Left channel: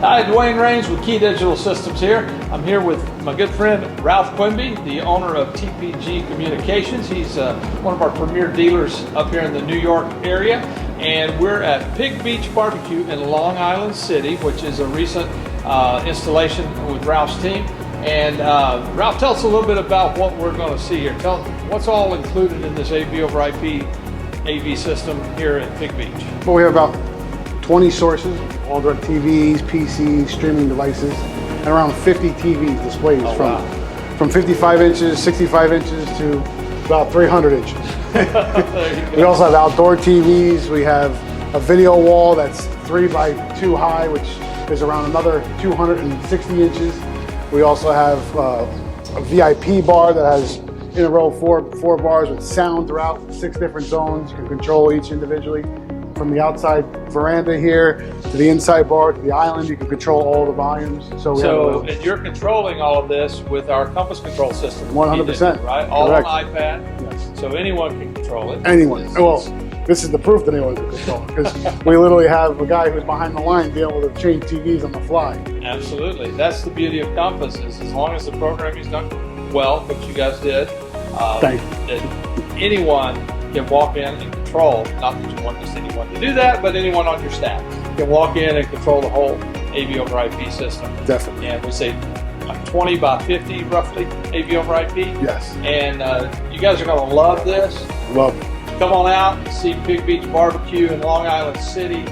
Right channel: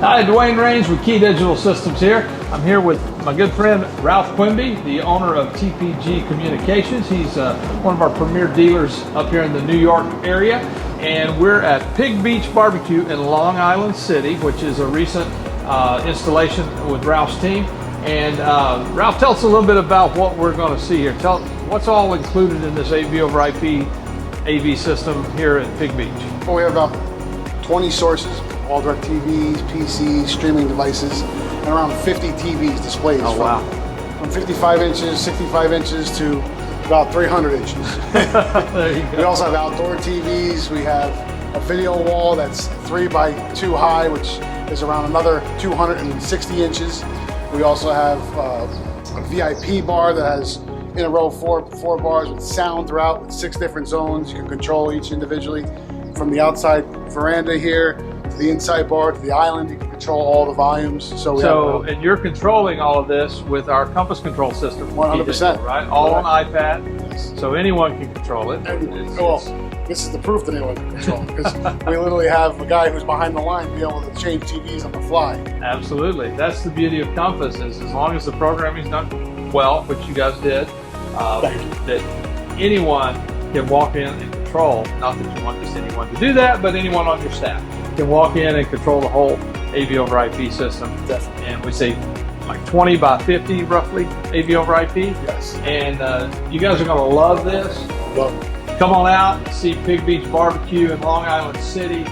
Hi, Dwayne Raines with KeyDigital Systems here. I'm here with my good friend Ralph Quimby, the owner of TPG Communications. He's one of our premier dealers up here in the New York area. And we're at Pig Beach BBQ in Long Island City, which is a recent installation with Ralph's team. And Ralph, tell us a little bit about what we're going to see here. Tell us what's all included in this AV over IP AV system here at Pig Beach. Well, we have about 20 sources, all direct TVs, PCs, streaming devices, and around 50 TVs displays from 55 inches, 65 inches to about 300 inches. We also have outdoor TVs. We have a video wall that's 3 by 2 high, which is around another 260 inches. We also have a VIP bar that has in a row four bars with sound throughout with 6 different zones. You can control each individually. From the outside veranda here to the inside bar to the island, you can control all the volumes. And you're controlling all of this with our compass control system. 100%. Right? All Correct. on iPad. Yes. So anyone can control it. Anyone. Well, this is the proof that anyone can control it, because we literally have a guy who's behind the line be able to change TVs on the fly. Absolutely. That's the beauty of Compass, is as long as the programming's done well, which you guys did, Thank you. that anyone can walk in and control, not that you want just anyone to do that, but anyone on your staff can walk in and control the whole AV over IP system. Definitely. And we say like 20 by 50 roughly AV over IP. Yes. And you guys are going to love this. Love it. Come on out and see Pig Beach BBQ in Long Island City.